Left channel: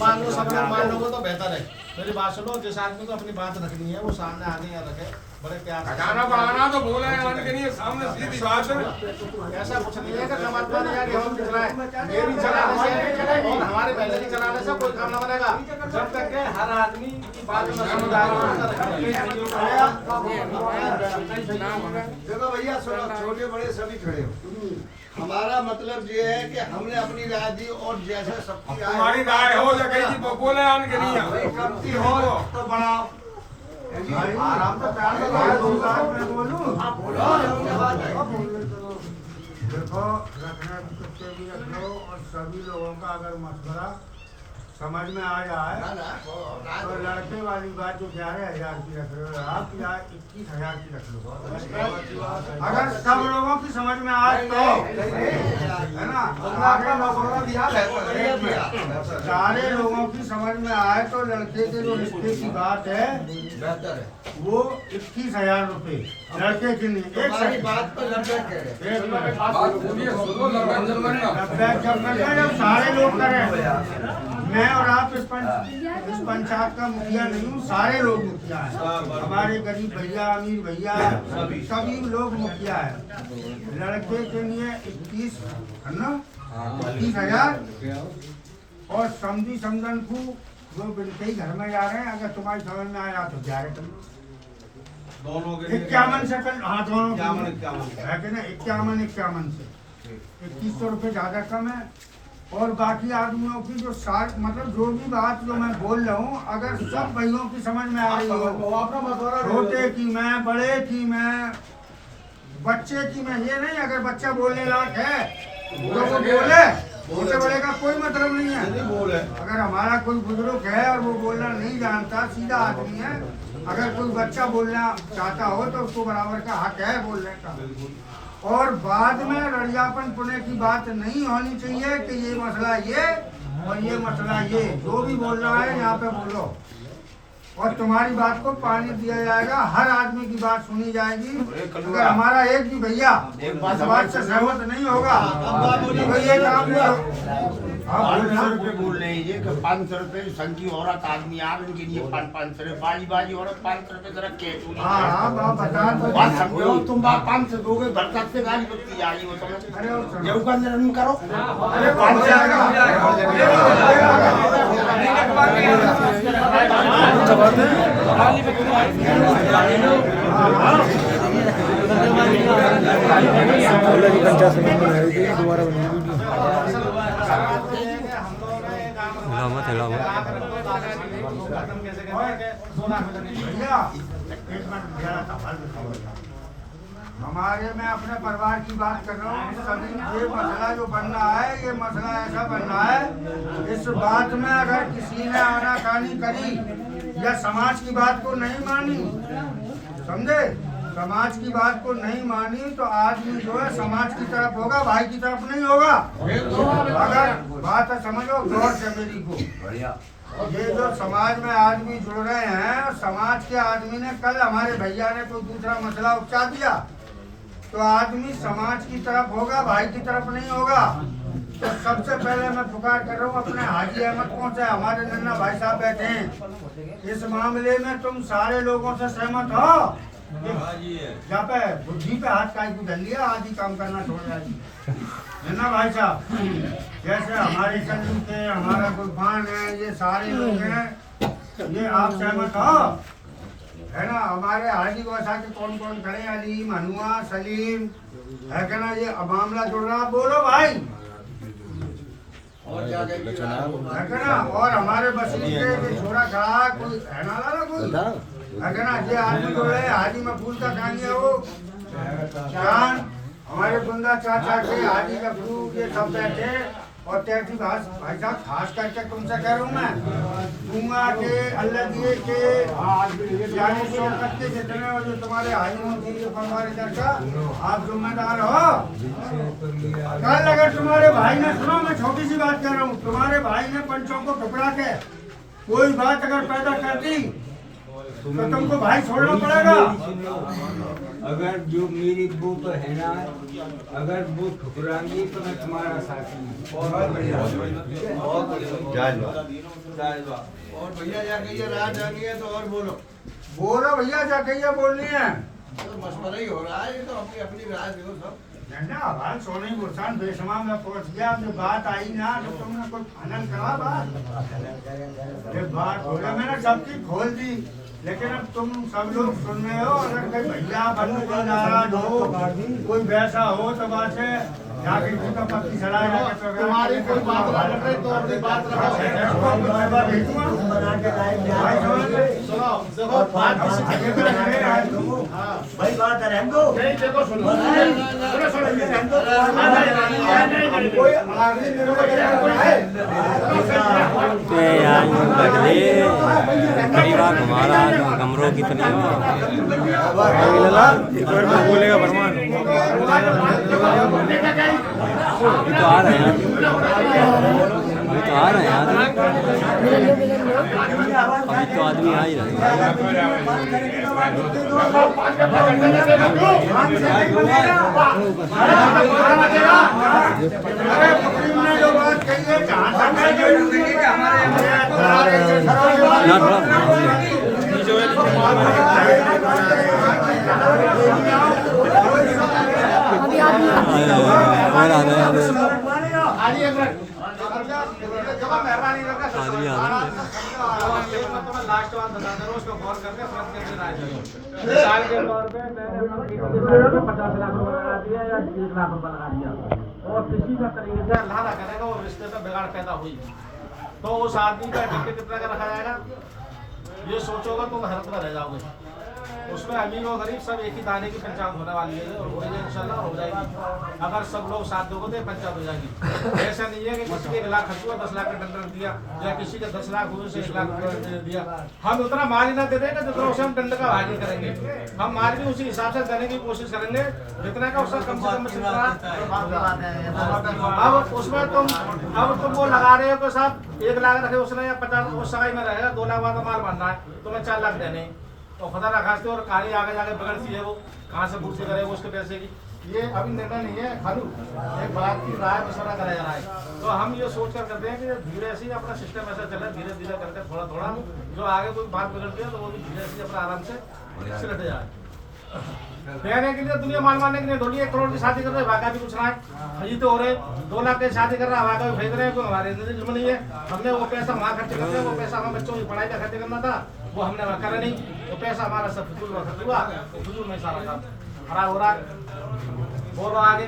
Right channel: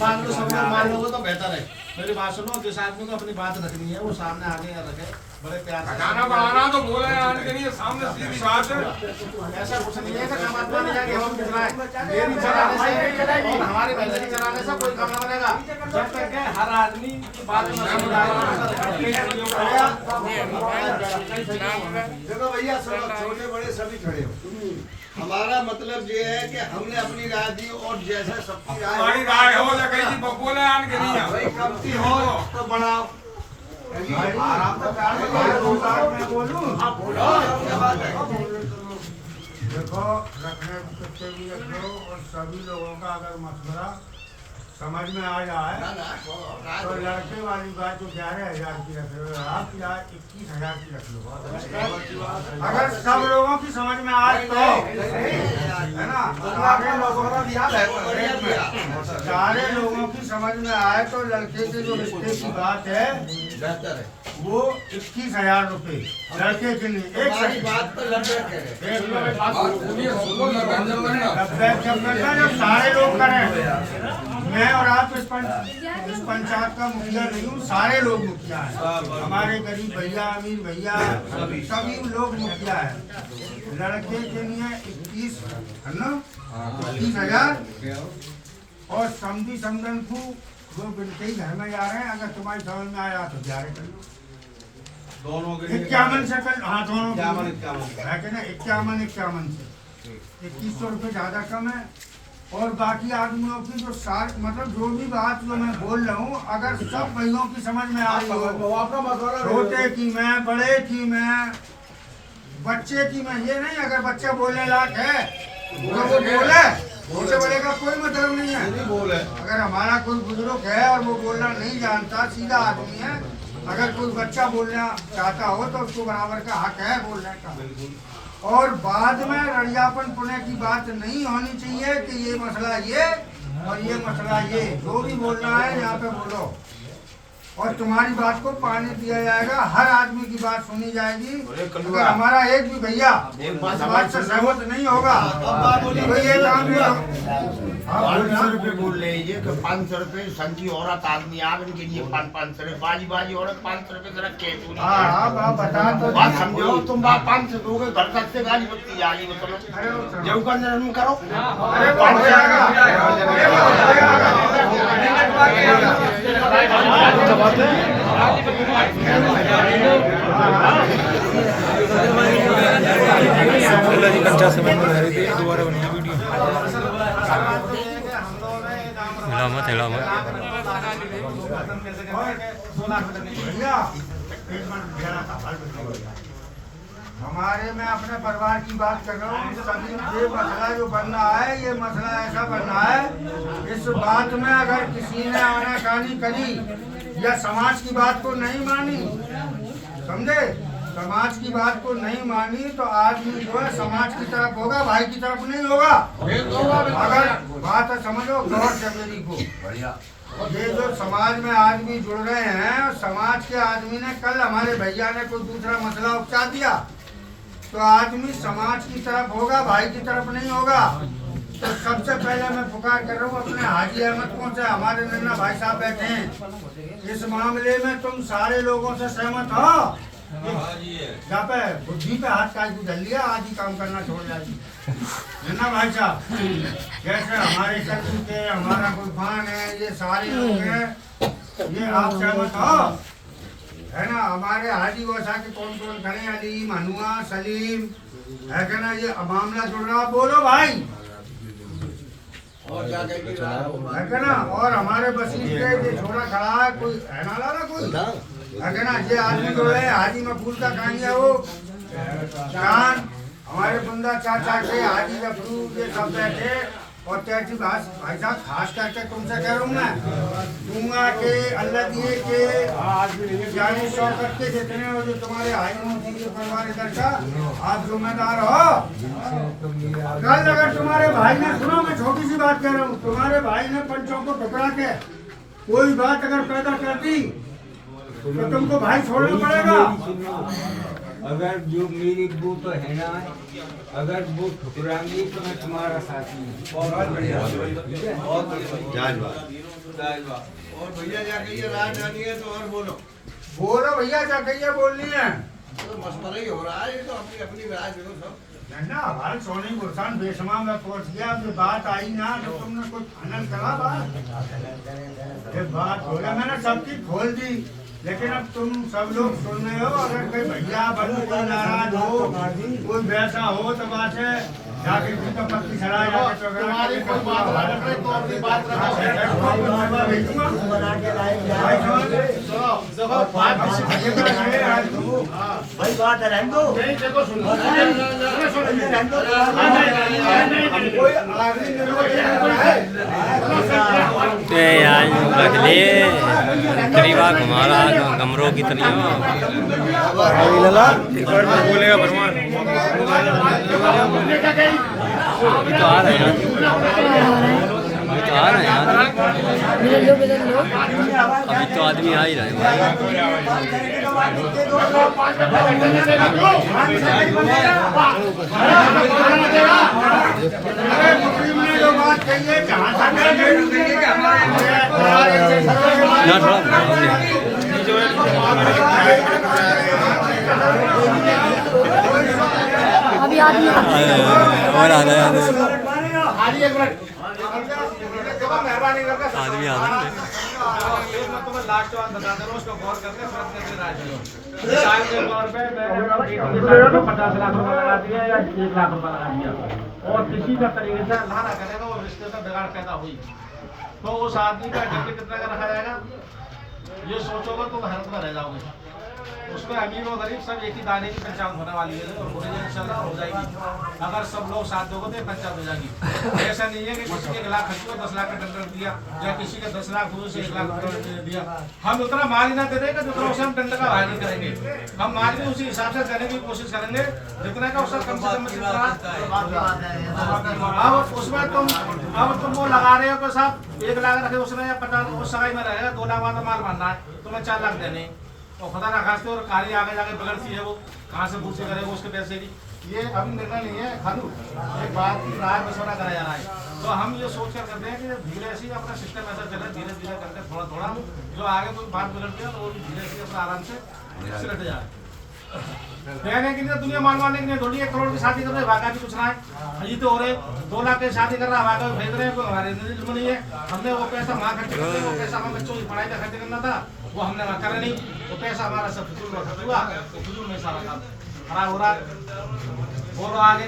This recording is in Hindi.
मान लो सब लोग मान लोगे तो बेहतर है। मेरी बात सुनो, जिस आदमी को अपनी बात रखनी है वो सामने आगे रखे, बड़े प्यार से। खाना बनाना तो बोले के लिए सामने सीधी बात है। ऐसा कुछ नहीं है कि समाज माने जाके हम चलाएं, मेरी चलाने से और हमारे बहन की चलाने से कोई काम ना बनेगा। जब तक के हर आदमी की बात में सुनी जाएगी। देखो भैया, छोटे बड़े सभी खड़े हो। हमारा मतलब ये है कि हमने अपनी राय दी और जैसे सबकी हमारी राय हो या कहीं बब्बो ने आन के नहीं है कब की हो तो बढ़ाओ। आराम से प्यार से मैं बोलूं। आप बोलो। देखो, रखने के लिए रखो और सभी लोगों का अगर मशवरा समझ में आ जाए तो लड़के वाली बात जो 11,000 की रख रहे हो आप, या 21,000 की रख लो। अगर सब लोगों की समझ में आए तो है ना, सारे लोगों की समझ में आए तो लड़के के जो रिश्ते की बात है वो 21,000 रुपए लड़के के लिए। एक बात तो सारे लोग करें, मैं और आप इस पंचायत का मुखिया नहीं हूँ, सारे लोग मुखिया हैं। हमारे गरीब भैया, अमीर भैया, सभी लोग मुखिया हैं। लड़के के लिए 21 है ना, 21,000 और समझी समझन को जो बिल्कुल ही घर में जा रहे हैं, अगर तुम्हारी समझ में आया तो 11 कर लो। दोनों के 51 से कर, हाँ दोनों 51 से 2100 रुपये ज्यादा कम है। और बाकी आदमियों की जो मतलब जो भी बात जो मैं बोल रहा हूँ, अगर सब भाइयों की समझ में आ रही हो, छोटे की मैं, बड़े की मैं, बच्चे की मैं, ये नहीं अगर बच्चा बोलने लायक है तो वो बोले, छोटे बड़े का कोई मतलब नहीं है। अगर हमारा कोई बुजुर्ग है और वो बोलना नहीं जानता, सीधा आदमी है, अगर कोई बच्चा बोलना चाहता हो तो उसको बराबर का हक है बोलने का। और बाद में रड़ियापन पुणे की बात नहीं होनी चाहिए कि ये मसला ये और ये मसला ये। जो भी बोलना है यहाँ पे बोलो और तुम्हारी बात को पानी दिया जाएगा, हर आदमी की बात सुनी जाएगी। अगर हमारा एक भी भैया इस बात से सहमत नहीं होगा तो ये काम नहीं। 500 रुपये बोल रहे हैं कि 500 रुपये संजी औरत आदमी आ इनके लिए 500 रुपये, बाजी औरत 500 रुपये जरा कैसे बात समझो। तुम बात 500 दोगे, घर तक से गाली बत्ती आ रही हो, चलो जब का जन्म करो। अरे 50 मिनट में आ रही थी, दोबारा बनी वीडियो। हमारे मैं अपने परिवार की बात कर रहा हूँ। सभी ये मसला जो बन रहा है, ये मसला ऐसा बन रहा है, इस बात में अगर किसी ने आनाकानी करी या समाज की बात को नहीं मानी, समझे, समाज की बात को नहीं मानी तो आदमी जो है समाज की तरफ होगा, भाई की तरफ नहीं होगा। अगर बात है समझो गौर से मेरी को, ये जो समाज में आदमी जुड़ रहे हैं, समाज के आदमी ने कल हमारे भैया ने कोई दूसरा मसला उपचा दिया तो आदमी समाज की तरफ होगा, भाई की तरफ नहीं होगा। तो सबसे पहले मैं पुकार कर रहा हूँ अपने हाजी अहमद को से, हमारे नन्ना भाई साहब बैठे हैं, इस मामले में तुम सारे लोगों से सहमत हो? जहाँ पे बुद्धि पे हाथ काज को धर लिया, आज ही काम करना छोड़ जाएगी नन्ना भाई साहब। जैसे हमारे कल्लू के, हमारा गुलफान है, ये सारे लोग हैं, ये आप सहमत हो है ना? हमारे हाजी वसा के कौन कौन खड़े, अलीम, हनुआ, सलीम है क्या ना? ये मामला जुड़ रहा, बोलो भाई है क्या ना? और हमारे बसीर के छोरा खड़ा है, कोई है ना लाला कोई है क्या ना? ये आदमी जो है हाजी मकबूल का कहानिया वो जान, हमारे बुंदा चाचा के हाजी मकबूल के सब बैठे। और त्याची भाई साहब खास करके तुमसे कह रहा हूँ मैं, दूंगा के अल्लाह दिए के जाने शौकत के जितने और जो तुम्हारे आयु परिवार का आप जिम्मेदार हो। कल अगर तुम्हारे भाई ने, सुनो मैं छोटी सी बात कर रहा हूँ, तुम्हारे भाई ने पंचों को ठुकरा के कोई बात अगर पैदा कर दी तो तुमको भाई छोड़ना पड़ेगा। अगर जो मेरी वो तो है ना, अगर वो ठुकराएंगी तो मैं तुम्हारा साथी हूँ। बहुत बढ़िया, ठीक है? बहुत बढ़िया। और भैया जाके ये राय जानी है तो और बोलो। बोलो भैया क्या कहिए बोलनी है। तो मशवरा ही हो रहा है, ये तो अपनी अपनी राय दो सब। झंडा हमारे सोने गुलशान बेशुमार में पहुंच गया। जो बात आई ना तो तुमने कोई फाइनल करा बात। ये बात हो गया, मैंने सब चीज खोल दी, लेकिन अब तुम सब लोग सुन रहे हो। अगर कोई भैया बंधु कोई नाराज हो, कोई वैसा हो तो बात है जाके किसी का पत्ती चढ़ा जाके तुम्हारी कोई बात ना रखे तो अपनी बात रखो। सुनो देखो बात भाई बात है रहने दो। नहीं देखो सुनो कोई आखिरी यार बदले तरीवा घुमा रहा कमरों की तरह एक बार में बोलेगा भरमान। अभी तो आ रहे हैं अभी तो आ रहे हैं यार, अभी तो आदमी आ ही रहे हैं भाई। ना थोड़ा और आ रहे हैं आदमी आ रहे हैं। लास्ट बात बता दे रहा हूं, उसको गौर करके मिसाल के तौर पे मैंने 50 लाख रुपए लगा दिया या 1 लाख रुपए लगा दिया और किसी का तरीके से अल्लाह ना करेगा वो रिश्ते में बिगाड़ पैदा हुई तो उस आदमी का टिकट कितना का रखा जाएगा? ये सोचोगे तो हरकत में रह जाओगे। उसमें अमीर और गरीब सब एक ही दाने की पंचायत होने वाली है और होने इंशाल्लाह हो जाएगी। अगर सब लोग साथ दोगे तो पंचायत हो जाएगी। ऐसा नहीं है कि किसी के 1 लाख खर्च हुआ 10 लाख का टेंडर दिया या किसी के 10 लाख हुए से 1 लाख टेंडर दिया। हम उतना माल ही ना दे देंगे जितना उसे हम टेंडर का भाग नहीं करेंगे। हम माल भी उसी हिसाब से देने की कोशिश करेंगे जितना का उसका कम से कम। अब उसमें तुम वो लगा रहे हो कि साहब 1 लाख रखे उसने या 50 उस सगाई में रहेगा 2 लाख वाला माल बनना है तुम्हें 4 लाख देने और खुदा ना खास्ते और कारी आगे जाके बिगड़ती है वो कहाँ से पूछे करेगा उसके पैसे भी। ये अभी निर्णय नहीं है खालू एक बात की राय मशवरा करा जा रहा है। तो हम ये सोच कर करते हैं कि धीरे से ही अपना सिस्टम ऐसा चले धीरे धीरे करके थोड़ा थोड़ा जो आगे कोई बात बिगड़ती है तो वो भी धीरे से अपना आराम से सिलट जाए। कहने के लिए दुनिया मानने के लिए ढोली 1 करोड़ की शादी कर रहे हैं भागा भी कुछ रहा है। ये तो हो रहे 2 लाख की शादी कर रहा है भागा भी भेज रहे हैं कोई हमारे जुर्म नहीं है। हमने वो पैसा वहाँ खर्च करते वो पैसा हम बच्चों की पढ़ाई का खर्च करना था वो हमने वहाँ करा नहीं। वो पैसा हमारा सब फजूल में खर्च हुआ तो फजूल में सारा था खराब हो रहा है। बोलो आगे।